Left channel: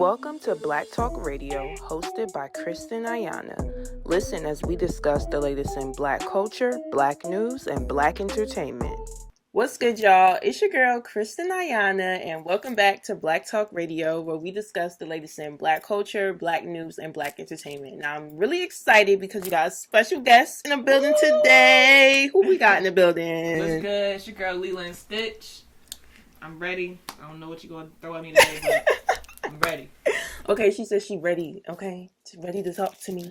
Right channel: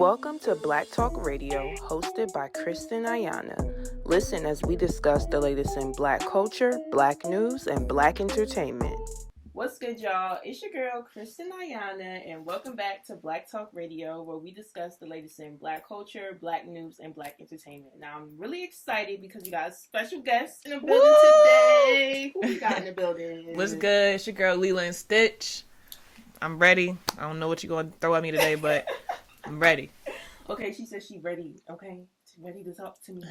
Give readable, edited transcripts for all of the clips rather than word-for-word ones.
Welcome to Black Talk Radio, hosted by Kristen Ayana. Listen as we discuss the latest in Black culture, Black news, and Black entertainment. What's good, y'all? It's your girl, Kristen Ayana, and welcome back to Black Talk Radio, where we discuss the latest in Black culture, Black news, and Black entertainment. Now, I'm really excited because you got a special guest in the building today. Who we got in the building? What's good? It's your girl, Leila Stitch. I'm ready. I don't know what you're going to throw at me today, but I'm ready. Okay, she says she's ready. Okay, she's ready to talk to me.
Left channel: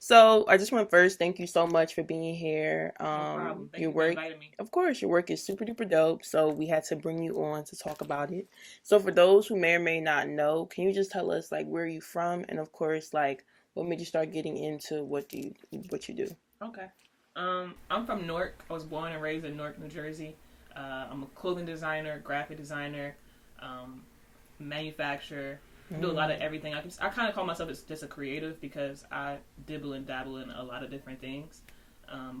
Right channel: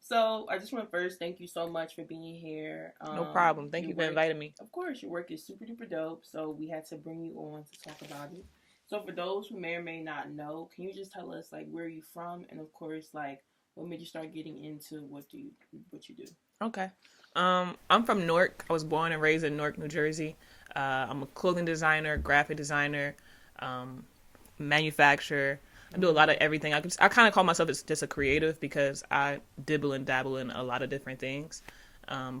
So I just want to first thank you so much for being here. No problem. Thank you for inviting me. Of course, your work is super duper dope. So we had to bring you on to talk about it. So for those who may or may not know, can you just tell us like where are you from, and of course like what made you start getting into what you do? Okay. I'm from Newark. I was born and raised in Newark, New Jersey. I'm a clothing designer, graphic designer, manufacturer. I do a lot of everything. I kind of call myself just a creative because I dibble and dabble in a lot of different things.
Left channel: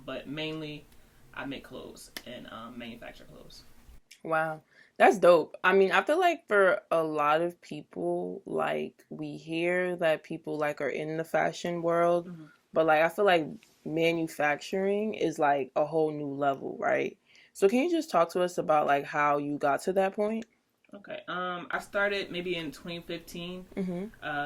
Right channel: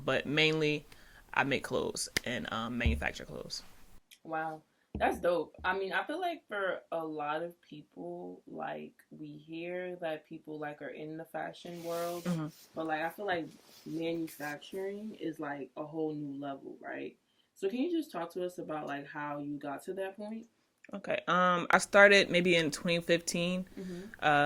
But mainly, I make clothes and manufacture clothes. Wow. That's dope. I mean, I feel like for a lot of people, like, we hear that people, like, are in the fashion world. Mm-hmm. But, like, I feel like manufacturing is, like, a whole new level, right? So can you just talk to us about, like, how you got to that point? Okay. I started maybe in 2015,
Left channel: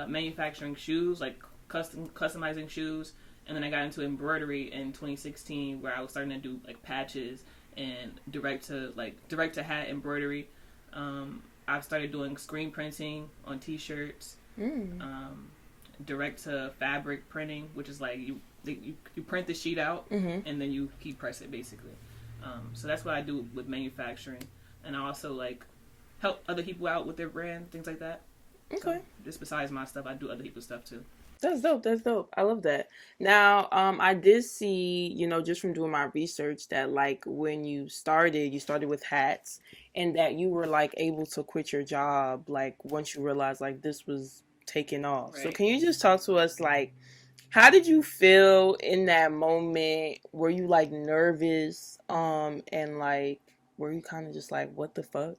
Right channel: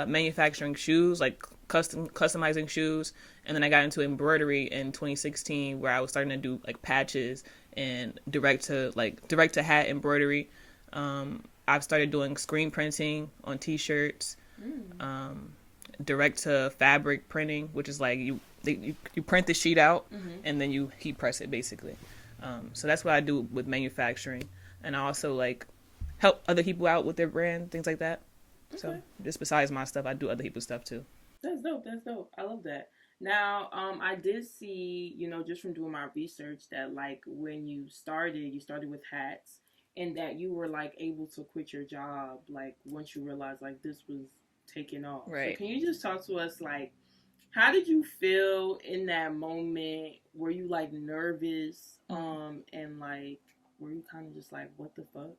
manufacturing shoes, like customizing shoes. And then I got into embroidery in 2016 where I was starting to do like patches and direct to hat embroidery. I've started doing screen printing on t-shirts, direct to fabric printing, which is like you print the sheet out and then you heat press it basically. So that's what I do with manufacturing. And I also like help other people out with their brand, things like that. Okay. So just besides my stuff, I do other people's stuff too. That's dope. I love that. Now, I did see, just from doing my research that like when you started with hats and that you were like able to quit your job like once you realized like this was taking off. Right. So can you just talk to us like how did you feel in that moment? Were you like nervous? And like were you kind of just like what the fuck?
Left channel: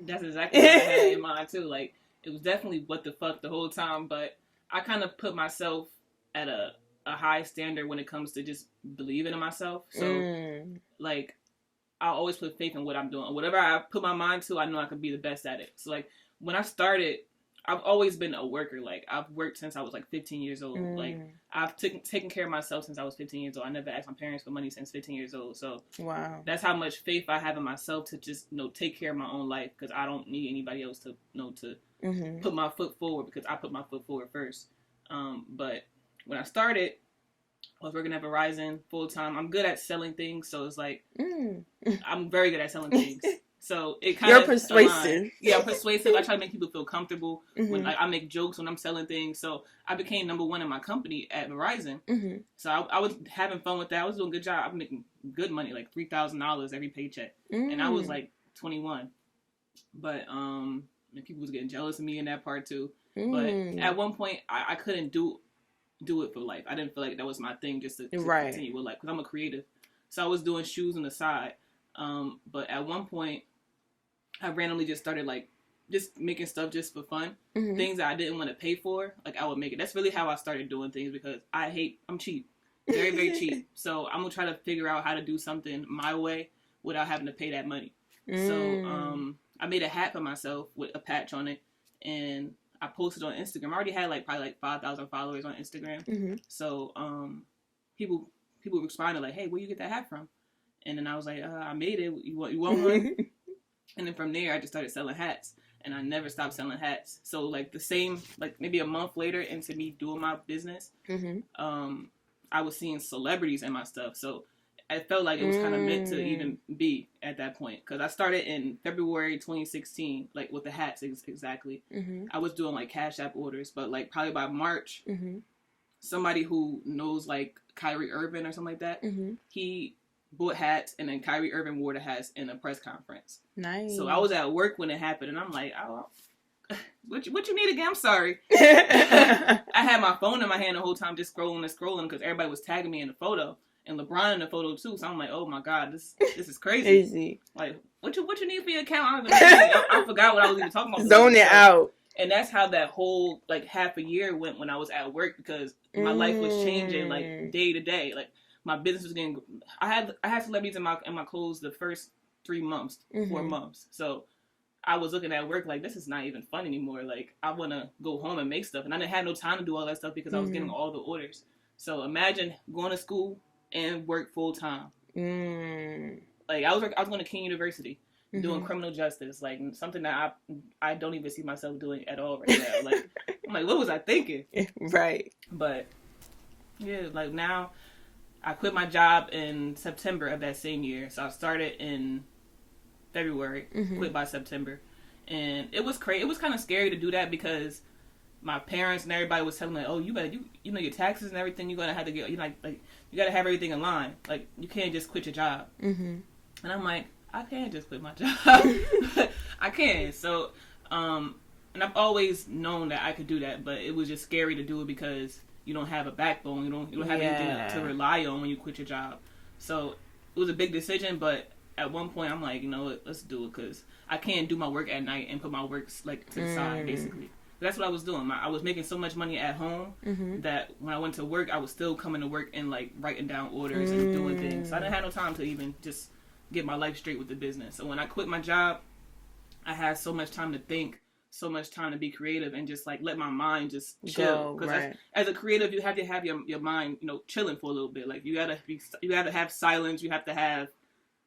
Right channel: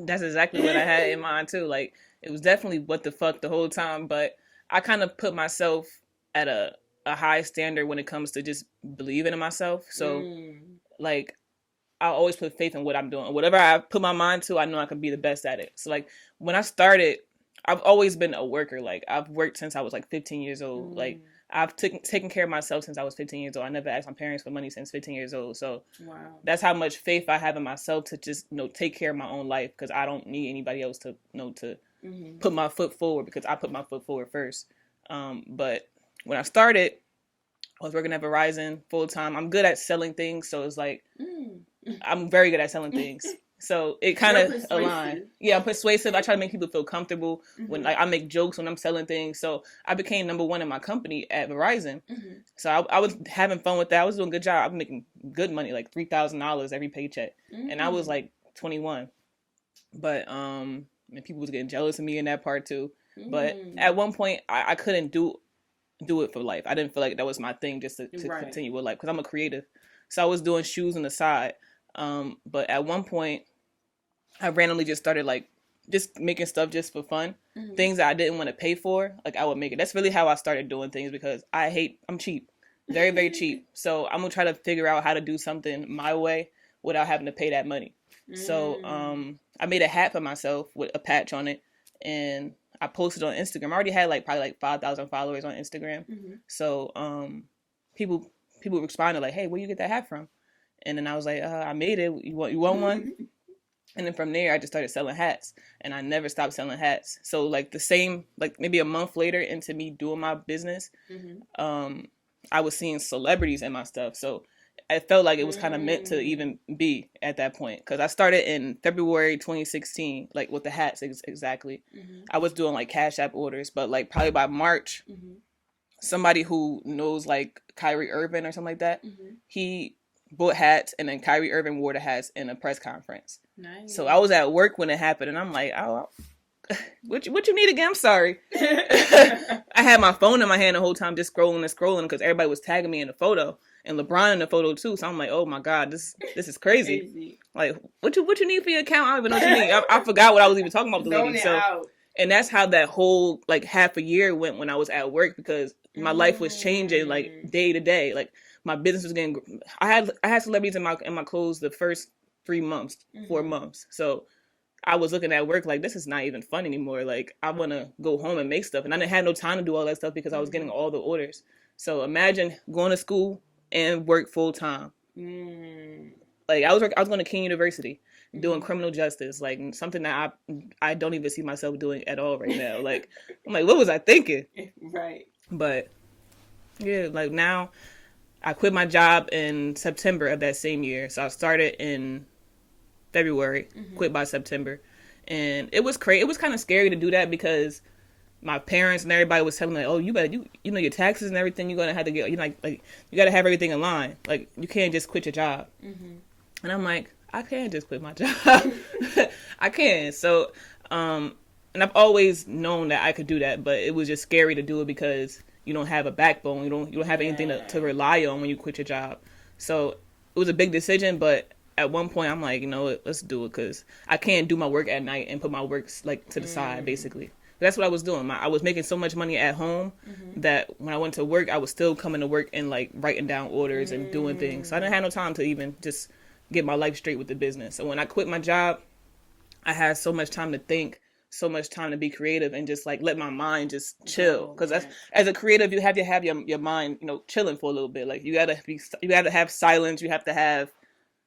That's exactly what I had in mind too. Like it was definitely what the fuck the whole time, but I kind of put myself at a high standard when it comes to just believing in myself. So like I always put faith in what I'm doing. Whatever I put my mind to, I know I can be the best at it. So like when I started, I've always been a worker. Like I've worked since I was like 15 years old. Like I've taken care of myself since I was 15 years old. I never asked my parents for money since 15 years old. So wow, that's how much faith I have in myself to just take care of my own life because I don't need anybody else to put my foot forward because I put my foot forward first. But when I started, I was working at Verizon full time. I'm good at selling things, so it's like I'm very good at selling things. So it kind of persuasive. Yeah, I'm persuasive. I try to make people feel comfortable when like I make jokes when I'm selling things. So I became number one in my company at Verizon. So I was having fun with that. I was doing a good job. I was making good money, like $3,000 every paycheck, and I was like 21. But and people was getting jealous of me in that part too. But at one point, I couldn't do it for life. I didn't feel like that was my thing just to continue with life because I'm a creative. So I was doing shoes on the side. But at one point, I randomly just started like just making stuff just for fun. Things that I didn't want to pay for, like I would make it. That's really how I started doing things because I'm cheap. Very, very cheap. So I'm going to try to figure out how to do something my way without having to pay that money. So I made a hat for myself with a patch on it and I posted on Instagram. I already had probably 5,000 followers on Instagram. So people responded like, hey, where you get that hat from? And then I was like, I made it. You want one? And then from there, I just started selling hats. And I never stopped selling hats. So maybe a month later into me doing my business, I was seeing celebrities in my stuff. So I felt like it was kind of meant to even be at that point. Because I started in February 2016, like with the hats exactly. I was doing like Cash App orders. But like probably by March, somebody who knows like Kyrie Irving or something like that, he bought hats and then Kyrie Irving wore the hats in a press conference. Nice. So I was at work when it happened and I'm like, oh, what you need again? I'm sorry. I had my phone in my hand the whole time just scrolling because everybody was tagging me in the photo and LeBron in the photo too. So I'm like, oh my God, this is crazy. Like, what you need for your account? I don't even know what you need. I forgot what I was even talking about. Zone it out. And that's how that whole like half a year went when I was at work, because my life was changing like day to day. Like my business was getting. I had celebrities in my clothes the first 3 months, 4 months. So I was looking at work like, this is not even fun anymore. Like I want to go home and make stuff, and I didn't have no time to do all that stuff because I was getting all the orders. So imagine going to school and work full time. Like I was going to King University, doing criminal justice, like something that I don't even see myself doing at all right now. Like I'm like, what was I thinking? Right. But yeah, like now I quit my job in September of that same year. So I started in February, quit by September. And it was crazy. It was kind of scary to do that because my parents and everybody was telling me, like, oh, you better, you know, your taxes and everything, you're going to have to get, you know, like you got to have everything in line. Like, you can't just quit your job. And I'm like, I can't just quit my job. I can. So, and I've always known that I could do that, but it was just scary to do it because you don't have a backbone. You don't have anything to rely on when you quit your job. So it was a big decision, but at one point I'm like, you know what, let's do it, because I can't do my work at night and put my work like to the side, basically. That's what I was doing. I was making so much money at home that when I went to work, I was still coming to work and like writing down orders and doing things. So I didn't have no time to even just get my life straight with the business. So when I quit my job, I had so much time to think, so much time to be creative, and just like let my mind just chill. Because as a creative, you have to have your mind, you know, chilling for a little bit. Like you gotta have silence. You have to have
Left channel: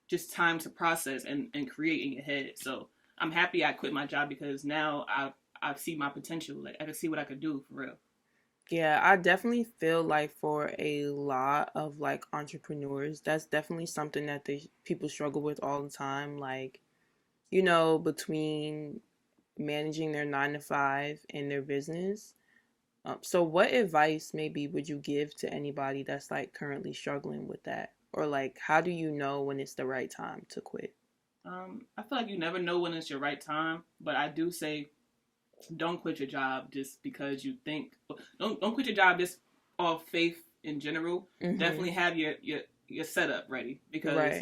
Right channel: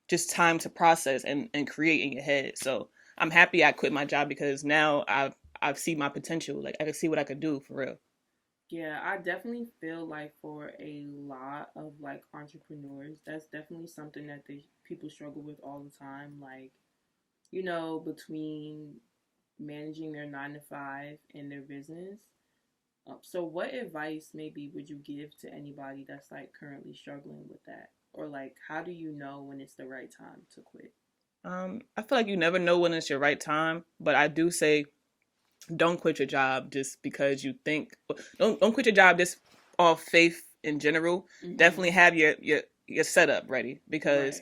just time to process and create in your head. So I'm happy I quit my job because now I've seen my potential. Like I can see what I could do for real. Yeah, I definitely feel like for a lot of like entrepreneurs, that's definitely something that people struggle with all the time. Like, you know, between managing their 9 to 5 and their business. So what advice maybe would you give to anybody that's like currently struggling with that? Or like, how do you know when it's the right time to quit? I feel like you never know when it's your right time, but I do say don't quit your job just because you think. Don't quit your job just off faith in general. Definitely have your setup ready, because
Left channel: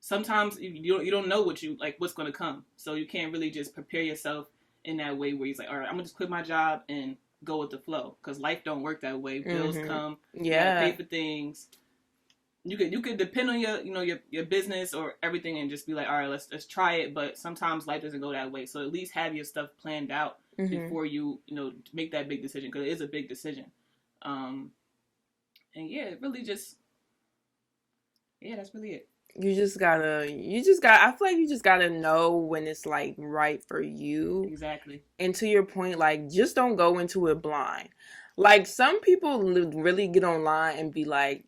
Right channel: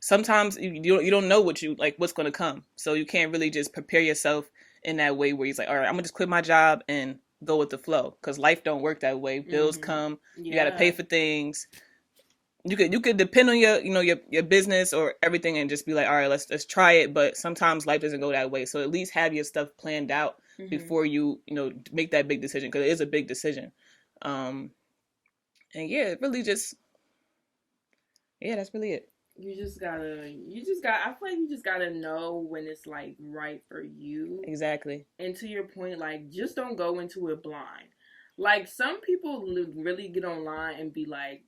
sometimes you don't know what's going to come, so you can't really just prepare yourself in that way where you're like, all right, I'm gonna just quit my job and go with the flow, because life don't work that way. Bills come, you gotta pay for things. You could depend on your business or everything and just be like, all right, let's try it. But sometimes life doesn't go that way, so at least have your stuff planned out before you make that big decision, because it is a big decision. And yeah, it really just that's really it. I feel like you just gotta know when it's like right for you. Exactly. And to your point, like, just don't go into it blind. Like, some people really get online and be like,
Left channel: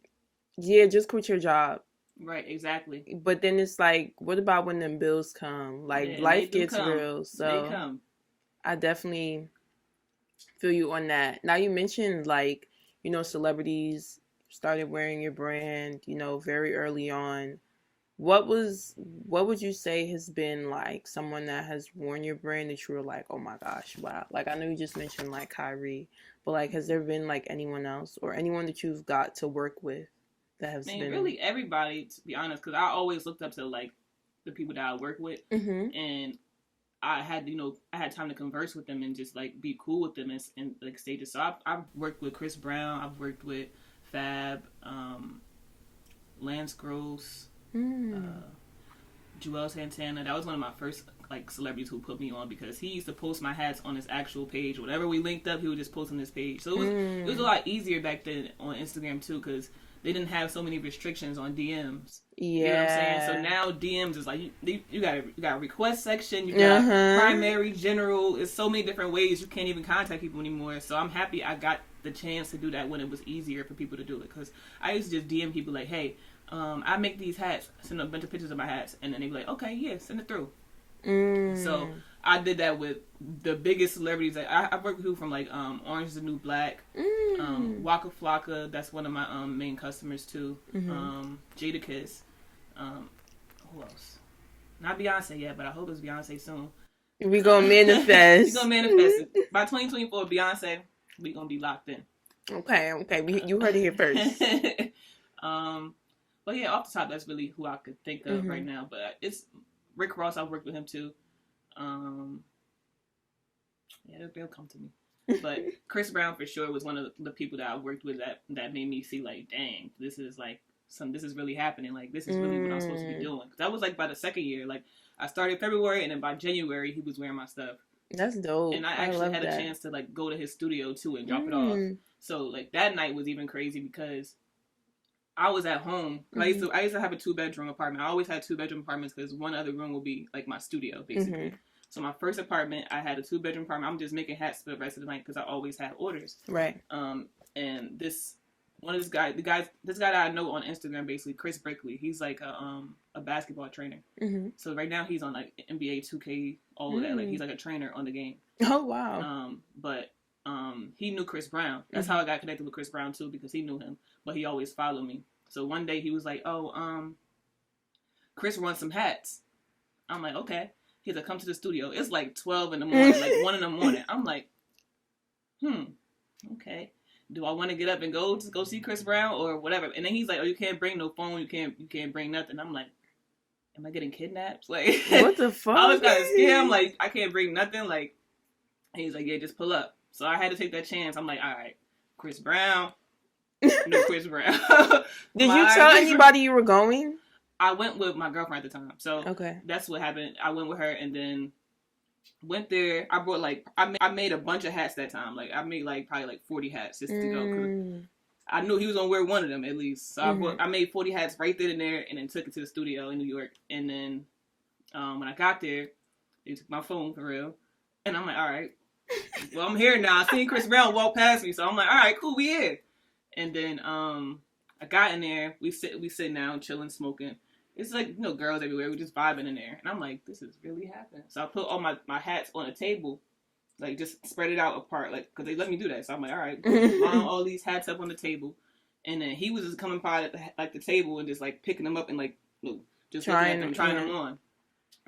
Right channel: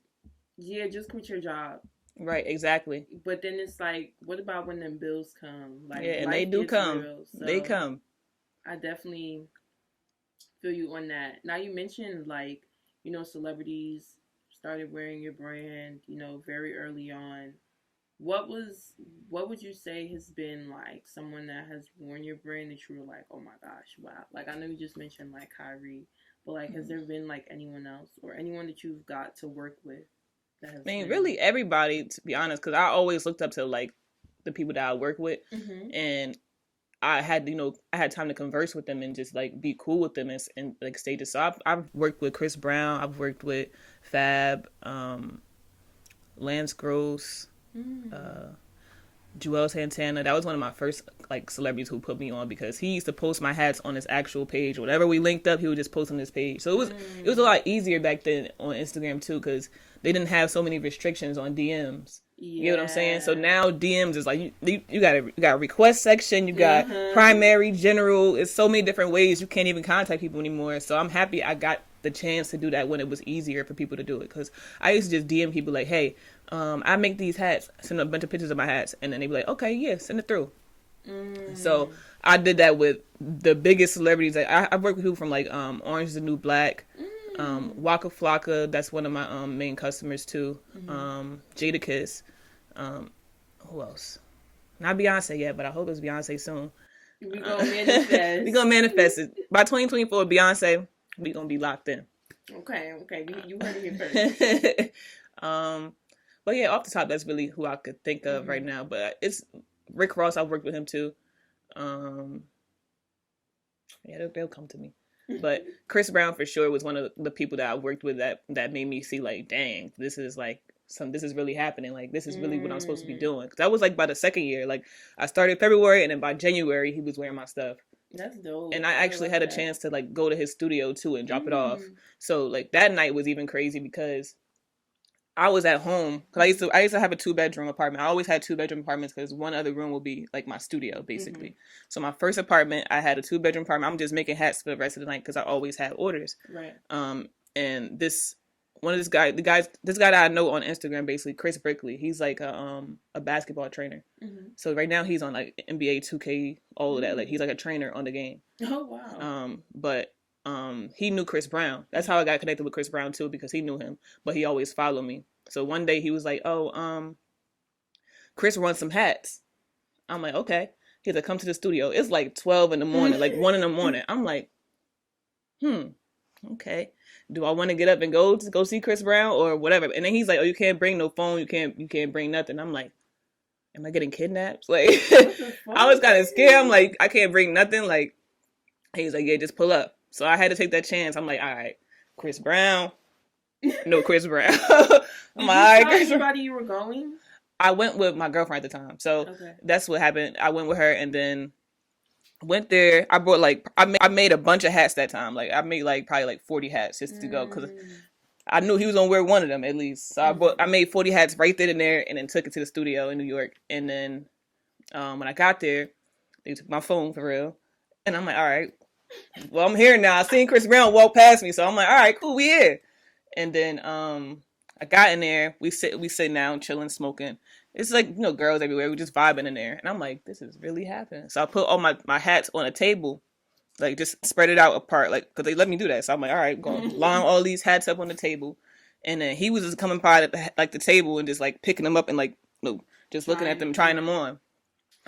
yeah, just quit your job. Right, exactly. But then it's like, what about when them bills come? Like, life gets real. So they come. I definitely feel you on that. Now, you mentioned, like, celebrities started wearing your brand, very early on. What would you say has been like someone that has worn your brand that you were like, oh my gosh, wow? Like, I know you just mentioned like Kyrie, but like, has there been like anyone else or anyone that you've got to work with that has been... really everybody, to be honest, because I always looked up to like the people that I work with, and I had time to converse with them and just like be cool with them and like stages. So I've worked with Chris Brown, I've worked with Fab, Lance Gross. Joel Santana. That was one of my first like celebrities who put me on, because he used to post my hats on his actual page. Whenever we linked up, he would just post on his page. So it was a lot easier back then on Instagram too, because they didn't have so many restrictions on DMs. Yeah. You know what I'm saying? So now DMs is like you got a request section, you got primary, general. It's so many different ways you can't even contact people anymore. So I'm happy I got the chance to do that when it was easier for people to do it, because I used to just DM people like, hey, I make these hats, send a bunch of pictures of my hats, and then they'd be like, okay, yeah, send it through. So I did that with the biggest celebrities. Like, I worked with people from like Orange is the New Black, Waka Flocka, that's one of my main customers too. Jadakiss, who else? Not Beyonce yet, but I hope it's Beyonce soon. We gonna manifest. We gonna manifest it by 2024. Beyonce, we gonna be locked in. Okay. You heard it here first. But yeah, off the top, that's really who I could think of right now. But it's Rick Ross. I've worked with him too. Yeah, they'll come to me. But Chris Brown for sure was one of the people that I worked with that made me see like, dang, this is like this is really happening. Like this is really what I'm supposed to be doing. Cause that was like by the second year. Like I started February, and then by January he was wearing my stuff. That's dope. And I actually had a chance to like go to his studio too and drop it off. So like that night was even crazy because I was at home. Cause I used to have a 2-bedroom apartment. I always had 2-bedroom apartments because one other room would be like my studio basically. So my first apartment, I had a 2-bedroom apartment. I'm just making hats for the rest of the night because I always had orders. Right. And this guy that I know on Instagram, basically Chris Brickley. He's like a basketball trainer. So right now he's on like NBA 2K, all of that. Like he's like a trainer on the game. Oh wow. But he knew Chris Brown. That's how I got connected with Chris Brown too, because he knew him. But he always followed me. So one day he was like, "Oh, Chris runs some hats." I'm like, "Okay." He's like, "Come to the studio." It's like 12 in the morning, like 1 in the morning. I'm like, okay. Do I want to get up and go see Chris Brown or whatever? And then he's like, "Oh, you can't bring no phone. You can't bring nothing." I'm like, "Am I getting kidnapped?" Like, what the fuck? I was kind of scared. I'm like, "I can't bring nothing." Like, he's like, "Yeah, just pull up." So I had to take that chance. I'm like, "All right, Chris Brown." No, Chris Brown. Did you tell anybody you were going? I went with my girlfriend at the time. So that's what happened. I went with her and then went there. I brought like, I made a bunch of hats that time. Like I made like probably like 40 hats just to go because I knew he was gonna wear one of them at least. So I made 40 hats right then and there and then took it to the studio in New York. And then when I got there, they took my phone for real. And I'm like, all right, well, I'm here now. I seen Chris Brown walk past me. So I'm like, all right, cool, we here. And then I got in there. We sitting down, chilling, smoking. It's like, you know, girls everywhere. We just vibing in there. And I'm like, this is really happening. So I put all my hats on a table, like just spread it out apart, like, because they let me do that. So I'm like, all right, go line all these hats up on the table. And then he was just coming by the table and just like picking them up and like, you know, just looking at them, trying them on.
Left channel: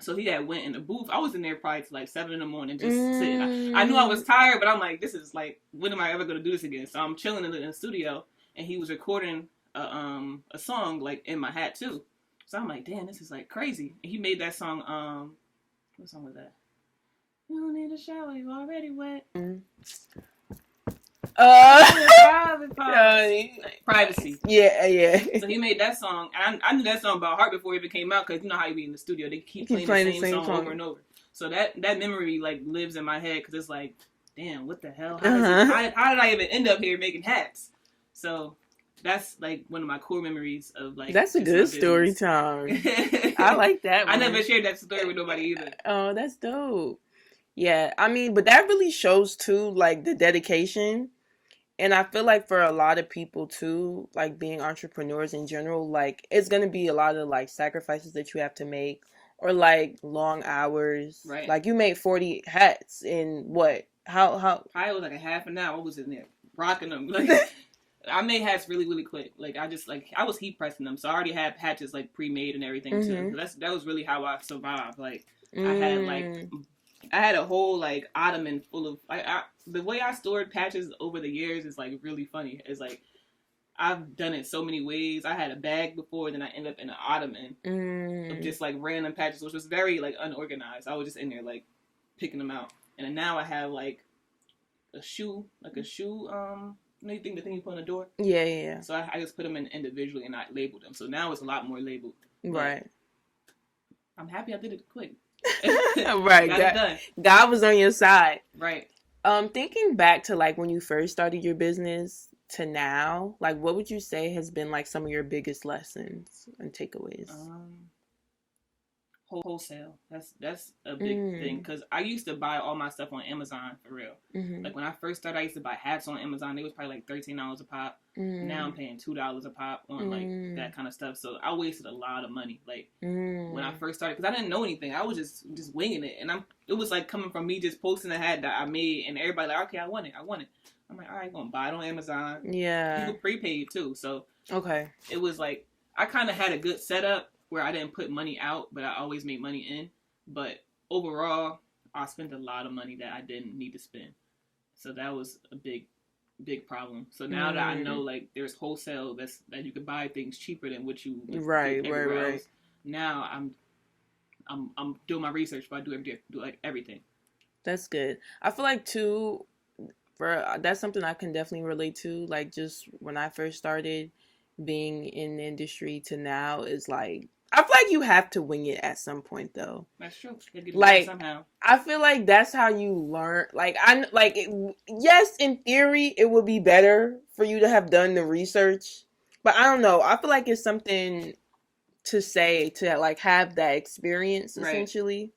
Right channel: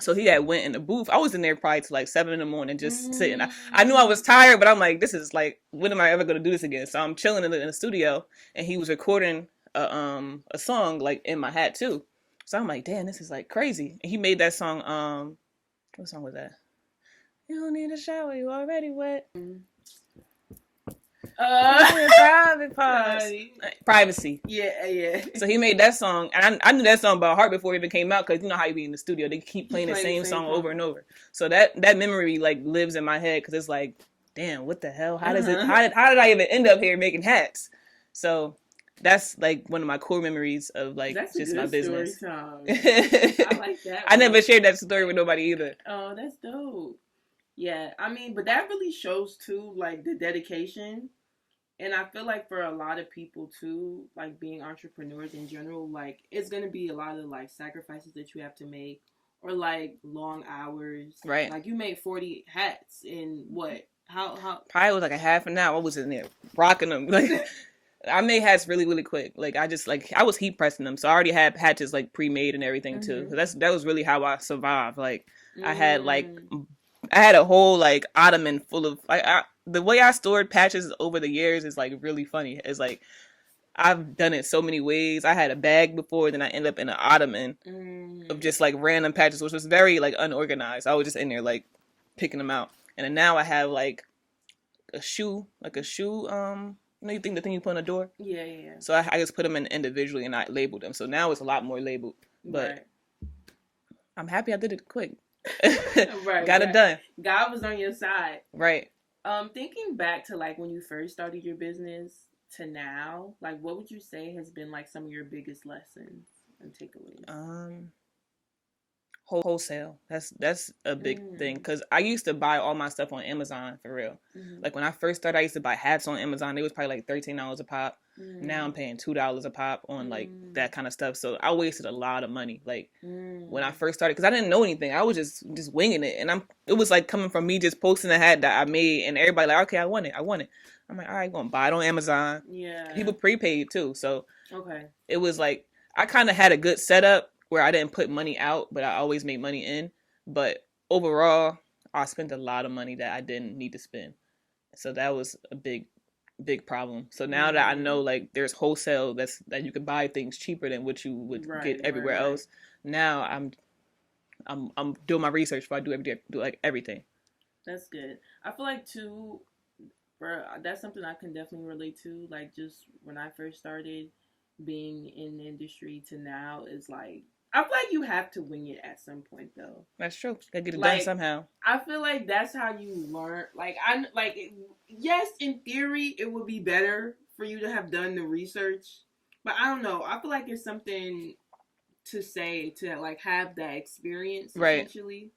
So he had went in the booth. I was in there probably till like 7 in the morning, just sitting. I knew I was tired, but I'm like, this is like, when am I ever going to do this again? So I'm chilling in the studio, and he was recording a song like in my hat too. So I'm like, damn, this is like crazy. And he made that song. What song was that? You don't need a shower, you already wet. Privacy. Yeah. So he made that song, and I knew that song by heart before it even came out, because you know how you be in the studio, they keep playing the same song over and over. So that memory like lives in my head, because it's like, damn, what the hell? How did I even end up here making hats? So that's like one of my core memories of like, that's a good story time. I like that one. I never shared that story with nobody either. Oh, that's dope. Yeah, I mean, but that really shows too, like, the dedication. And I feel like for a lot of people too, like being entrepreneurs in general, like it's going to be a lot of like sacrifices that you have to make, or like long hours. Right. Like you made 40 hats in what? How? Probably was like a half an hour. I was in there rocking them. Like I made hats really, really quick. Like I was heat pressing them. So I already had patches like pre-made and everything too. That was really how I survived. Like I had a whole like ottoman full of the way I stored patches over the years is like really funny. It's like I've done it so many ways. I had a bag before, then I ended up in an ottoman of just like random patches, which was very like unorganized. I was just in there like picking them out. And then now I have like a shoe, you know, the thing you put on a door? Yeah. So I just put them in individually and I labeled them. So now it's a lot more labeled. Right. I'm happy I did it quick. Right. Got it done. God was on your side. Right. Thinking back to like when you first started your business to now, like what would you say has been like some of your biggest lessons and takeaways? Wholesale. That's a big thing, because I used to buy all my stuff on Amazon for real. Like when I first started, I used to buy hats on Amazon. They was probably like $13 a pop. Now I'm paying $2 a pop on like that kind of stuff. So I wasted a lot of money. Like when I first started, because I didn't know anything. I was just winging it, and it was like coming from me just posting a hat that I made, and everybody like, okay, I want it. I'm like, all right, I'm gonna buy it on Amazon. Yeah. People prepaid too, so okay. It was like I kind of had a good setup where I didn't put money out, but I always made money in. But overall, I spent a lot of money that I didn't need to spend. So that was a big problem. So now that I know like there's wholesale that you can buy things cheaper than what you would get everywhere else. Now I'm doing my research before I do like everything. That's good. I feel like too, for that's something I can definitely relate to. Like just when I first started being in the industry to now is like I feel like you have to wing it at some point though. That's true. Gotta get it done Like somehow. I feel like that's how you learn. Like yes, in theory, it would be better for you to have done the research, but I don't know. I feel like it's something to say to like have that experience Right. essentially.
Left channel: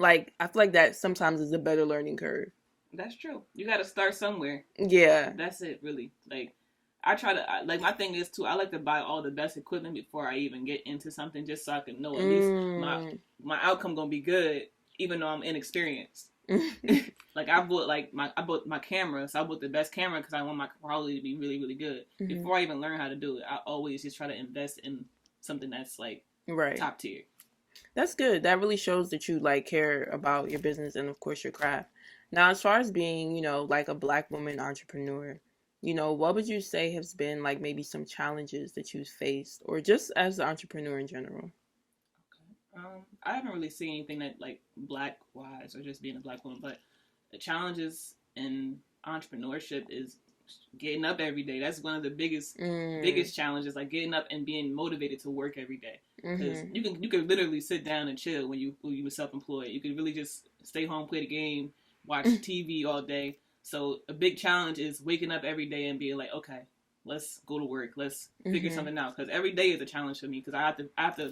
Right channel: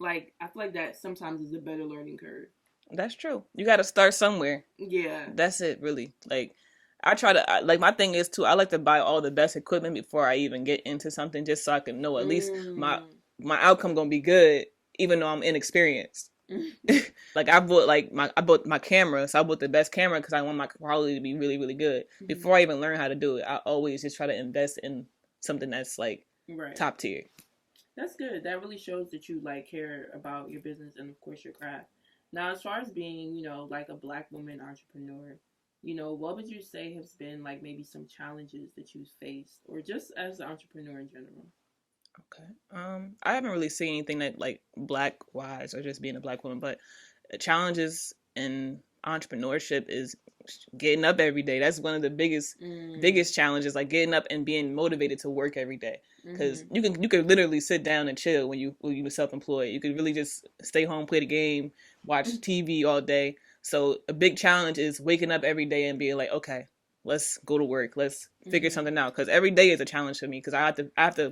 Like I feel like that sometimes is a better learning curve. That's true. You got to start somewhere. Yeah. That's it, really. Like, I try to, like, my thing is, too, I like to buy all the best equipment before I even get into something just so I can know at least my outcome going to be good, even though I'm inexperienced. Like, I bought my camera, so I bought the best camera because I want my quality to be really, really good. Before I even learn how to do it, I always just try to invest in something that's, like, top tier. That's good. That really shows that you like care about your business and of course your craft. Now, as far as being, like a Black woman entrepreneur, what would you say has been like maybe some challenges that you've faced or just as an entrepreneur in general? Okay. I haven't really seen anything that like Black wise or just being a Black woman, but challenges in entrepreneurship is getting up every day. That's one of the biggest challenges, like getting up and being motivated to work every day. Because you can literally sit down and chill when you were self-employed. You could really just stay home, play the game, watch TV all day. So a big challenge is waking up every day and being like, okay, let's go to work. Let's figure something out. Because every day is a challenge for me. Because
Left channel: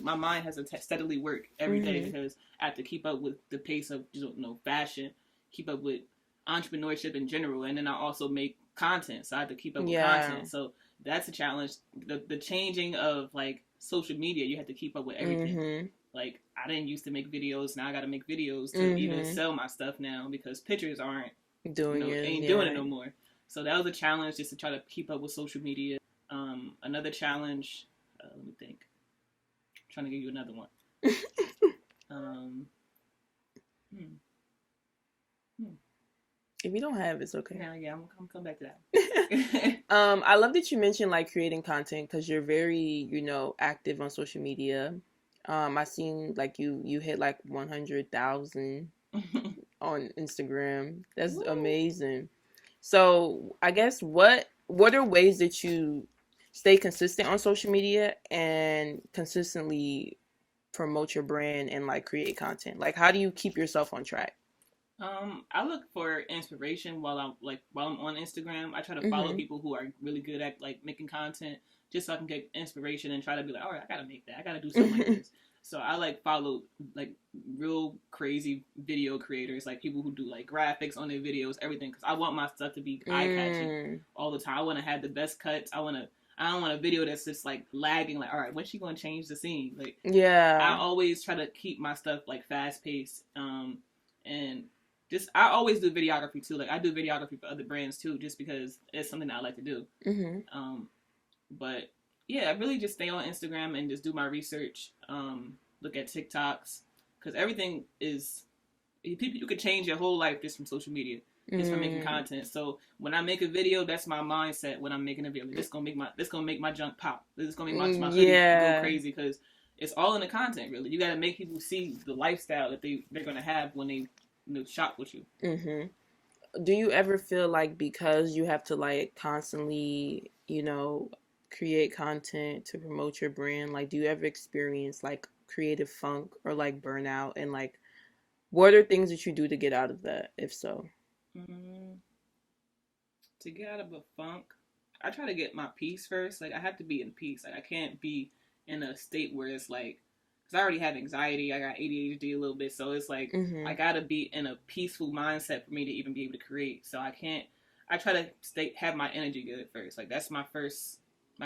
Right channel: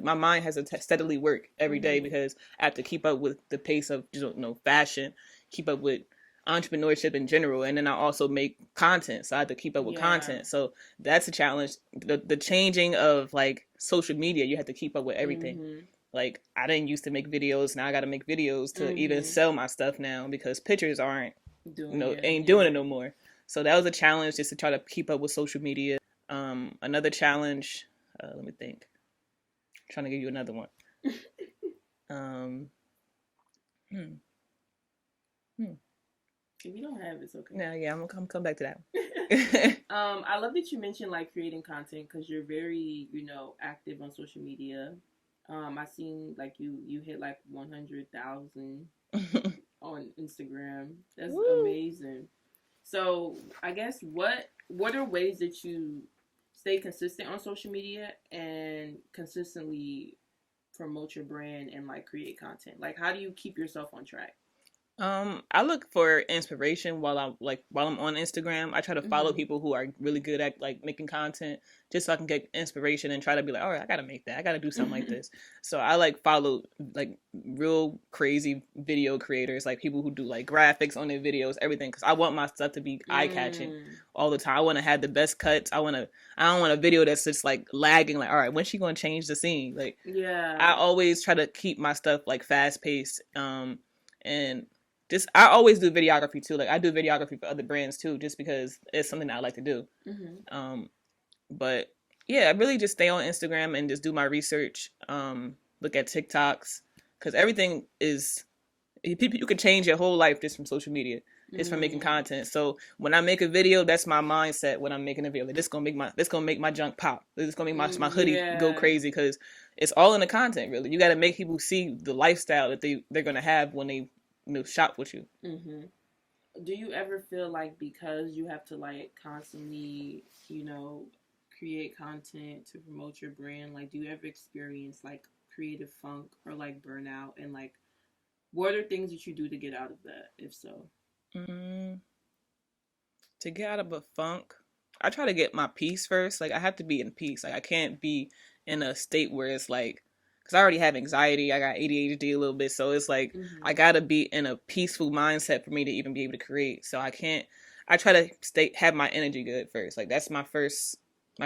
my mind has to steadily work every day because I have to keep up with the pace of fashion, keep up with entrepreneurship in general, and then I also make content, so I have to keep up with content. So that's a challenge. The changing of like social media, you have to keep up with everything. Like I didn't used to make videos, now I got to make videos to even sell my stuff now because pictures aren't doing it no more. So that was a challenge, just to try to keep up with social media. Another challenge, let me think. I'm trying to give you another one. If you don't have, it's okay. Yeah, I'm gonna come back to that one. I love that you mentioned like creating content because you're very, active on social media. I seen like you hit like 100,000 on Instagram. That's amazing. So I guess what are ways that you stay consistent on social media and consistently promote your brand and like create content? Like how do you keep yourself on track? I look for inspiration while I'm on Instagram. I try to follow people who are really good at like making content, just so I can get inspiration and try to be like, all right, I gotta make that. I gotta do something like this. So I like follow like real crazy video creators, like people who do like graphics on their videos, everything, because I want my stuff to be eye catching all the time. I want to have the best cuts. I don't want a video that's just like lagging. Like, all right, when's she gonna change the scene? Like, I always try to keep my stuff like fast paced. And I always do videography too. Like I do videography for other brands too, just because it's something that I like to do. But yeah, I really just stay on Instagram and just do my research. Look at TikToks, because everything is you can change your whole life just from social media, just from making content. So when I make a video, that's my mindset when I'm making a video. Like, this gonna make my junk pop. This is gonna make my hoodie go crazy, because it's all in the content. Really, you got to make people see the lifestyle that they're gonna have when they shop with you. Do you ever feel like because you have to like constantly, create content to promote your brand, like do you ever experience like creative funk or like burnout, and like what are things that you do to get out of that, if so? To get out of a funk, I try to get my peace first. Like I have to be in peace. Like I can't be in a state where it's like, because I already have anxiety, I got ADHD a little bit, so it's like I gotta be in a peaceful mindset for me to even be able to create. So I try to have my energy good first. Like that's my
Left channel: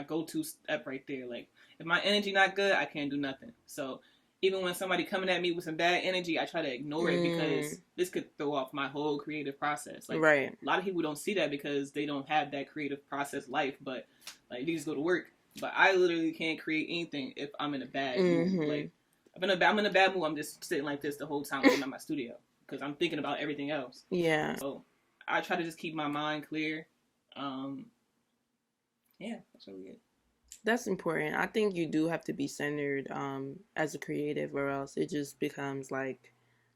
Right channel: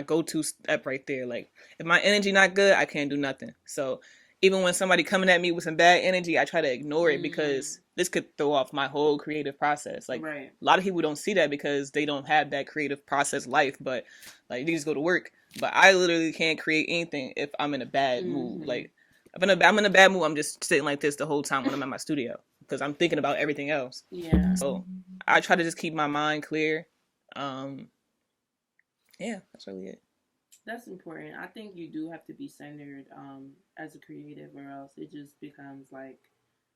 go-to step right there. Like if my energy not good, I can't do nothing. So even when somebody coming at me with some bad energy, I try to ignore it, because this could throw off my whole creative process. Like a lot of people don't see that because they don't have that creative process life, but like they just go to work. But I literally can't create anything if I'm in a bad mood. Like if I'm in a bad mood, I'm just sitting like this the whole time when I'm at my studio, because I'm thinking about everything else. Yeah. So I try to just keep my mind clear. Yeah, that's really it. That's important. I think you do have to be centered as a creative, or else it just becomes like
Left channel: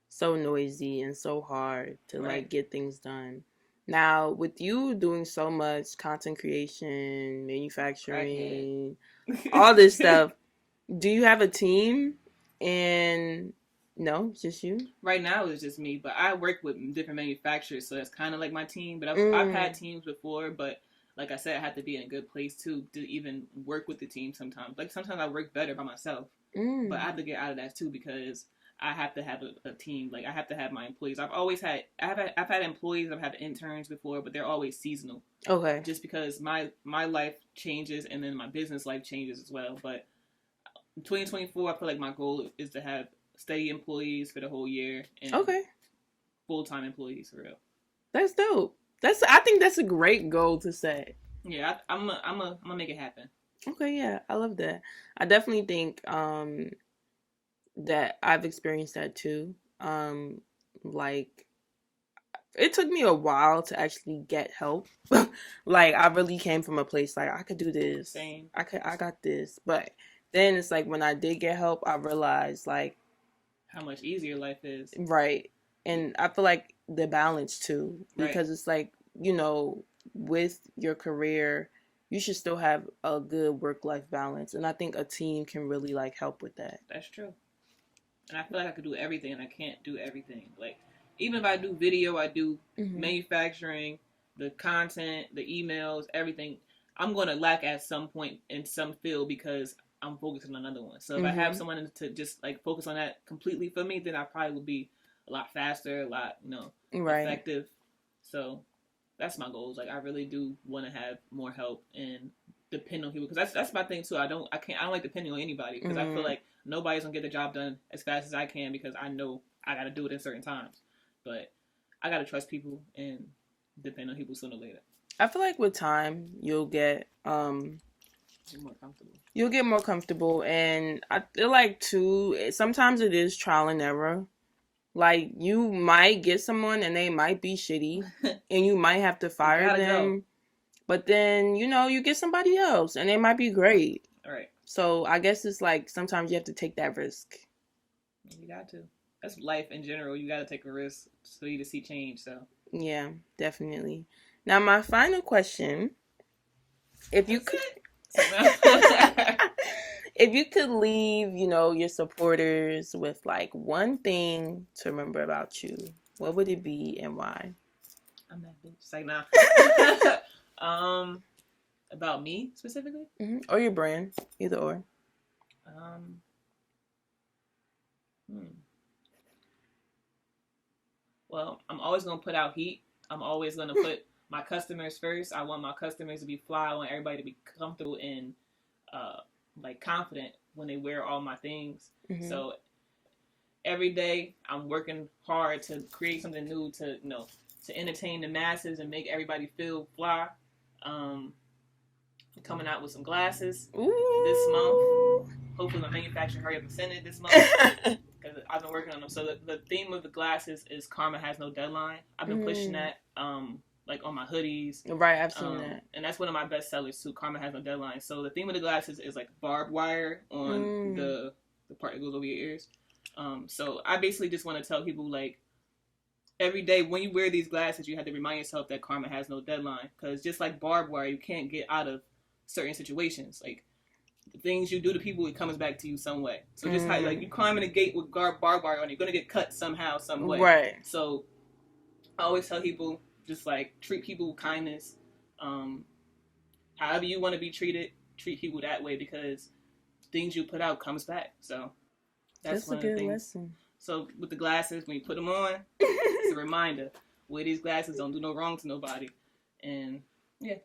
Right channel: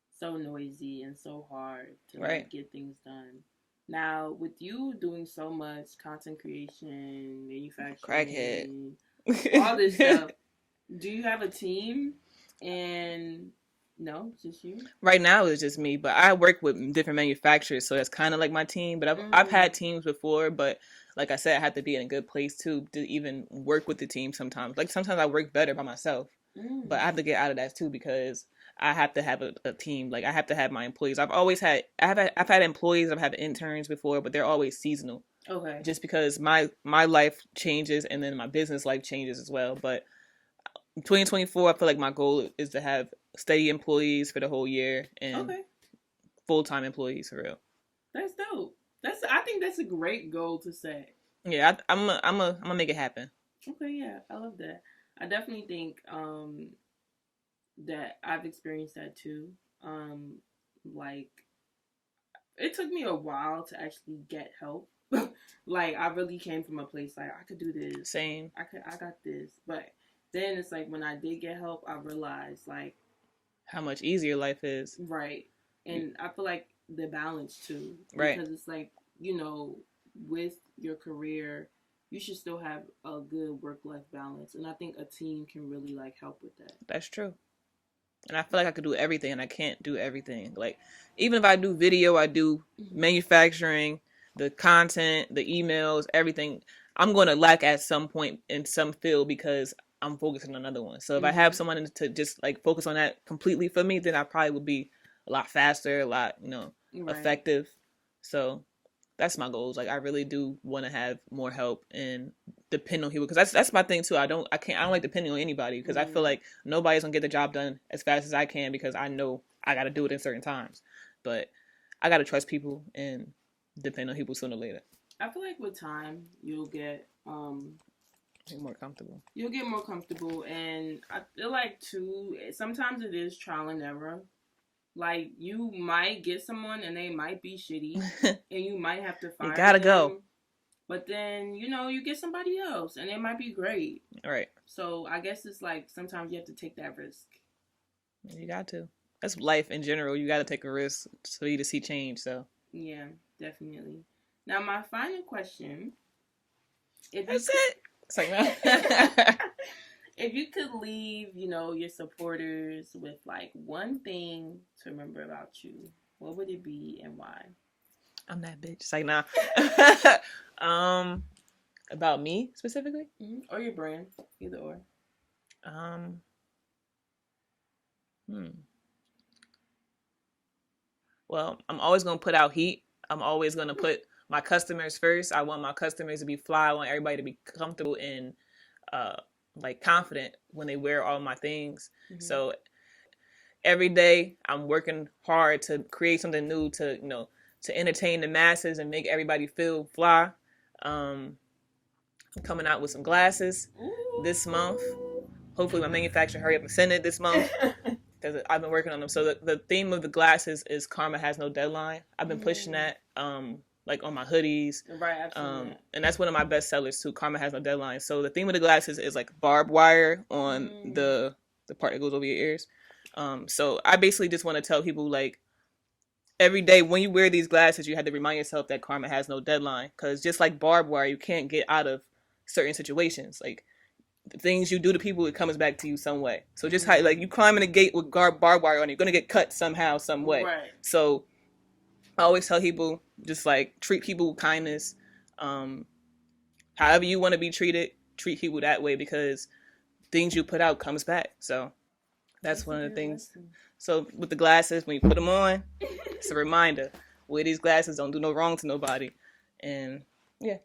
so noisy and so hard to Right. like get things done. Now, with you doing so much content creation, Crackhead. manufacturing, all this stuff, do you have a team? And no, it's just you. Right now it's just me, but I work with different manufacturers, so that's kind of like my team. But I've had teams before, but like I said, I have to be in a good place too to even work with the team sometimes. Like sometimes I work better by myself, but I have to get out of that too because I have to have a team. Like I have to have my employees. I've had employees, I've had interns before, but they're always seasonal. Okay. Just because my life changes and then my business life changes as well. But 2024, I feel like my goal is to have steady employees for the whole year and full-time employees for real. That's dope. I think that's a great goal to set. Yeah, I'm gonna make it happen. Okay, yeah, I love that. I definitely think that I've experienced that too. Like it took me a while to actually get help. Like I really came from a place like I could do this. Same. I got this. But then it's like when I did get help, I realized like how much easier life is. Right. And I feel like the balance too. Because it's like, you know, with your career, you should still have a good work-life balance. And I think a team can really like help with that. That's true. And I feel like I could do everything and I can't do everything. Like even if I do video, I do manufacturing, the content, the emails, everything. I'm going to lack at some point in some field because I'm focusing on another one. So if I have someone to just like focus on that completely for me, then I probably would be a lot faster, a lot, effective. So that's my goals. Like I really do want to have more help and depend on people because that's my thing too. I don't like depending on anybody because I feel like nobody's gonna get the job done as fast as I can because I know I got to do it in certain times. But I got to trust people and depend on people sooner or later. I feel like with time you'll get more comfortable. You'll get more comfortable, and I feel like too sometimes it is trial and error. Like you might get someone and they might be shitty and you might have to fire them. Go. But then, you get somebody else and they might be great. Right. So I guess it's like sometimes you have to take that risk. You got to. That's life in general. You got to take a risk for you to see change. So yeah, definitely. Now my final question: if you if you could leave, your supporters with like one thing to remember about you, what would it be and why? I'm that bitch. It's like, nah. About me specifically? Or your brand, either or. Well, I'm always gonna put out heat. I'm always gonna put my customers first. I want my customers to be fly. I want everybody to be comfortable and like confident when they wear all my things. So every day I'm working hard to create something new to to entertain the masses and make everybody feel fly. I'm coming out with some glasses this month. Hopefully my manufacturer hurry up and send it this month because I've been working on them. So the theme of the glasses is Karma Has No Deadline. I've been pushing that like on my hoodies. Right, I've seen that. And that's one of my best sellers too. Karma Has No Deadline. So the theme of the glasses is like barbed wire on the part that goes over your ears. So I basically just want to tell people like every day when you wear these glasses, you have to remind yourself that karma has no deadline. Because just like barbed wire, you can't get out of certain situations. Like the things you do to people, it comes back to you some way. So just how, like you climbing a gate with barbed wire on, you're gonna get cut somehow, some way. Right. So I always tell people just like treat people with kindness. However you want to be treated, treat people that way because things you put out comes back. So that's one of the things. Lesson. So with the glasses, when you put them on, it's a reminder. Wear these glasses, don't do no wrong to nobody. And yeah.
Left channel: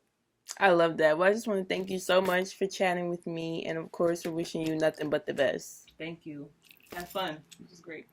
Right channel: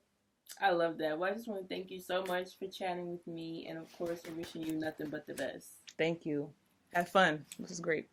I love that. Well, I just want to thank you so much for chatting with me. And of course, for wishing you nothing but the best. Thank you. Have fun. This is great.